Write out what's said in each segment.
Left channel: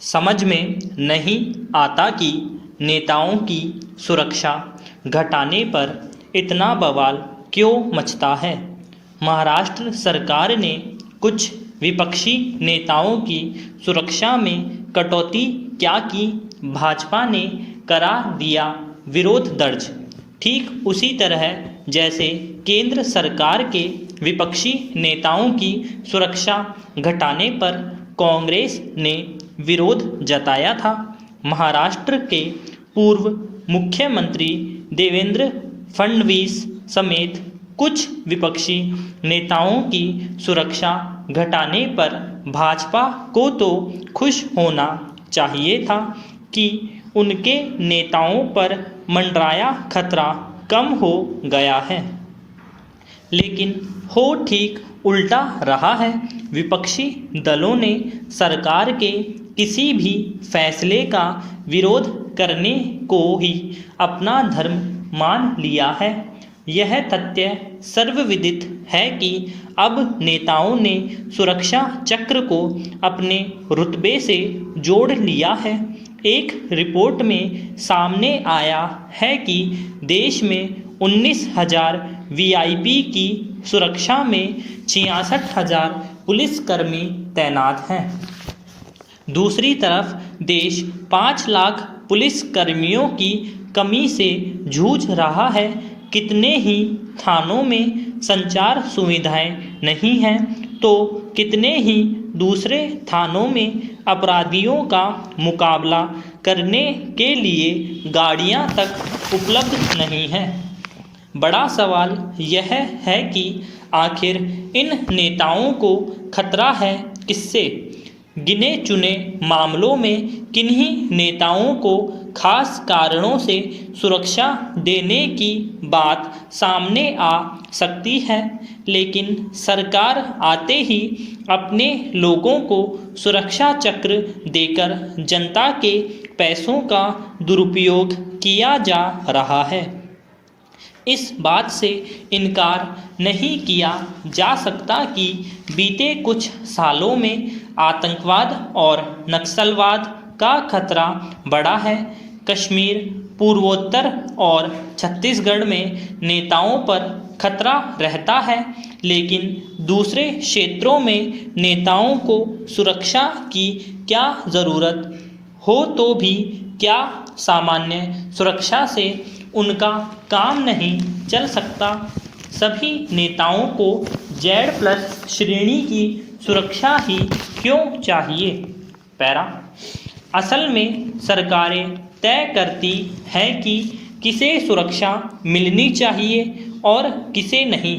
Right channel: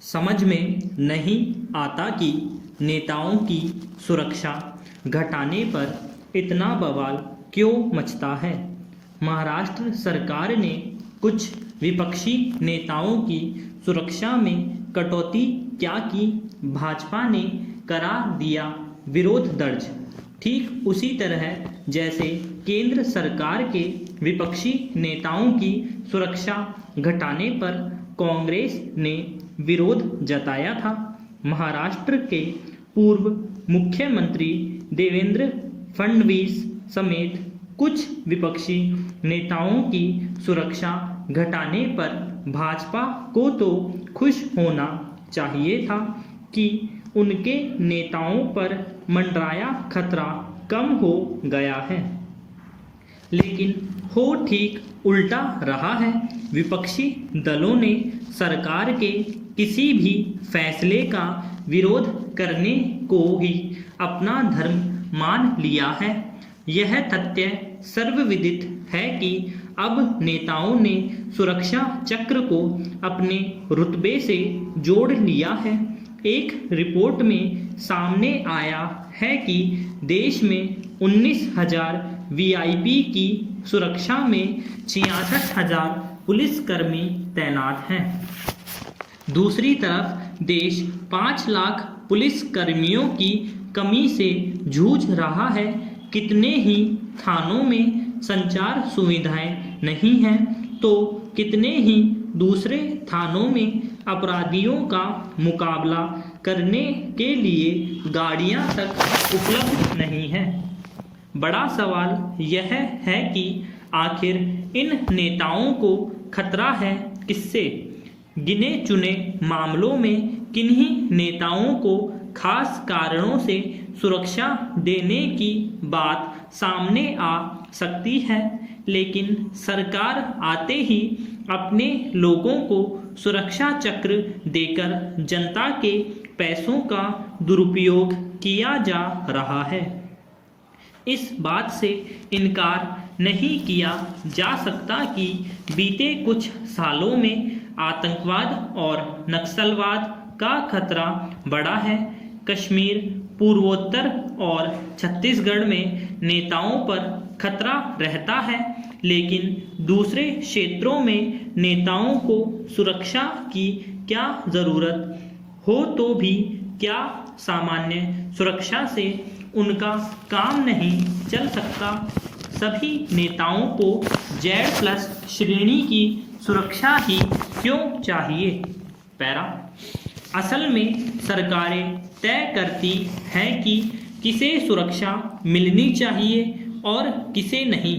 समझ में नहीं आता कि नेताओं की सुरक्षा घटाने पर इतना बवाल क्यों मचता है। महाराष्ट्र सरकार ने कुछ विपक्षी नेताओं की सुरक्षा में कटौती क्या की, भाजपा ने करा दिया विरोध दर्ज। ठीक उसी तरह जैसे केंद्र सरकार के विपक्षी नेताओं की सुरक्षा घटाने पर कांग्रेस ने विरोध जताया था, महाराष्ट्र के पूर्व मुख्यमंत्री देवेंद्र फडणवीस समेत कुछ विपक्षी नेताओं की सुरक्षा घटाने पर भाजपा को तो खुश होना चाहिए था कि उनके नेताओं पर मंडराया खतरा कम हो गया है, लेकिन हो ठीक उल्टा रहा है। विपक्षी दलों ने सरकार के किसी भी फैसले का विरोध करने को ही अपना धर्म मान लिया है। यह तथ्य सर्वविदित है कि अब नेताओं ने सुरक्षा चक्र को अपने रुतबे से जोड़ लिया है। एक रिपोर्ट में सामने आया है कि देश में 19,000 वीआईपी की सुरक्षा में 66,000 पुलिसकर्मी तैनात हैं। दूसरी तरफ देश 5 लाख पुलिसकर्मियों की कमी से जूझ रहा है। कितने ही थानों में संचार सुविधाएं नहीं हैं, तो कितने ही दूसरे थानों में अपराधियों का मुकाबला करने के लिए गाड़ियां तक उपलब्ध नहीं हैं। बड़ा सवाल यह है कि आखिर इन नेताओं को खतरा है किससे। गिने चुने मामलों में किन्हीं नेताओं को खास कारणों से सुरक्षा देने की बात सामने आ सकती है, लेकिन सरकार आते ही अपने लोगों को सुरक्षा चक्र देकर जनता के पैसों का दुरुपयोग किया जा रहा है। इस बात से इनकार नहीं किया जा सकता कि बीते कुछ सालों में आतंकवाद और नक्सलवाद का खतरा बढ़ा है। कश्मीर, पूर्वोत्तर और छत्तीसगढ़ में नेताओं पर खतरा रहता है, लेकिन दूसरे क्षेत्रों में नेताओं को सुरक्षा की क्या ज़रूरत हो तो भी क्या सामान्य सुरक्षा से उनका काम नहीं चल सकता। सभी नेताओं को Z+ श्रेणी की सुरक्षा ही क्यों चाहिए। पैरा असल में सरकारें तय करती हैं कि किसे सुरक्षा मिलनी चाहिए और किसे नहीं।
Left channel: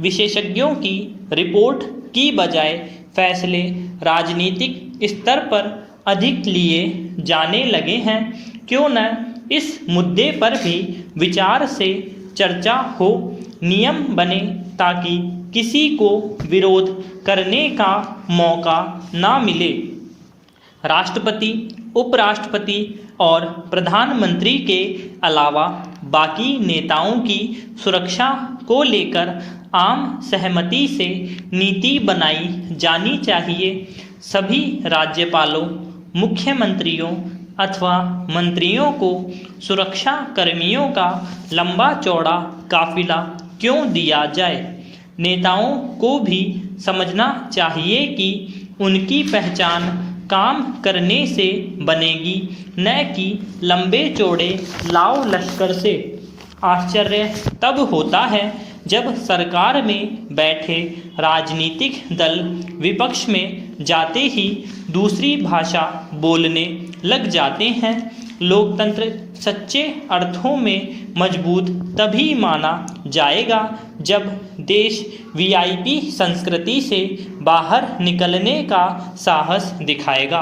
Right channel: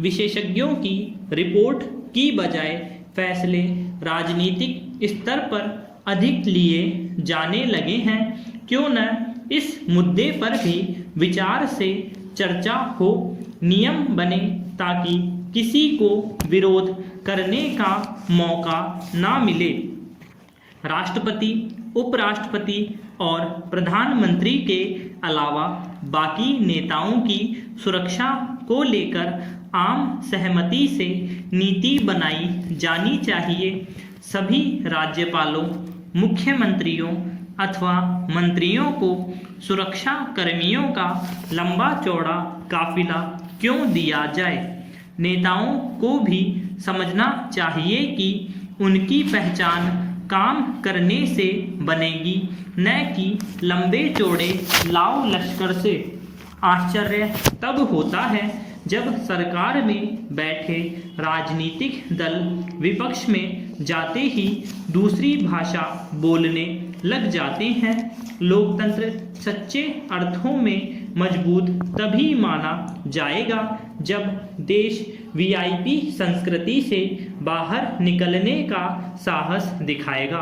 विशेषज्ञों की रिपोर्ट की बजाय फैसले राजनीतिक स्तर पर अधिक लिए जाने लगे हैं। क्यों न इस मुद्दे पर भी विचार से चर्चा हो, नियम बने ताकि किसी को विरोध करने का मौका ना मिले। राष्ट्रपति, उपराष्ट्रपति और प्रधानमंत्री के अलावा बाकी नेताओं की सुरक्षा को लेकर आम सहमति से नीति बनाई जानी चाहिए। सभी राज्यपालों, मुख्यमंत्रियों अथवा मंत्रियों को सुरक्षा कर्मियों का लंबा चौड़ा काफिला क्यों दिया जाए। नेताओं को भी समझना चाहिए कि उनकी पहचान काम करने से बनेगी, न कि लंबे चौड़े लाव लश्कर से। आश्चर्य तब होता है जब सरकार में बैठे राजनीतिक दल विपक्ष में जाते ही दूसरी भाषा बोलने लग जाते हैं। लोकतंत्र सच्चे अर्थों में मजबूत तभी माना जाएगा जब देश वीआईपी संस्कृति से बाहर निकलने का साहस दिखाएगा।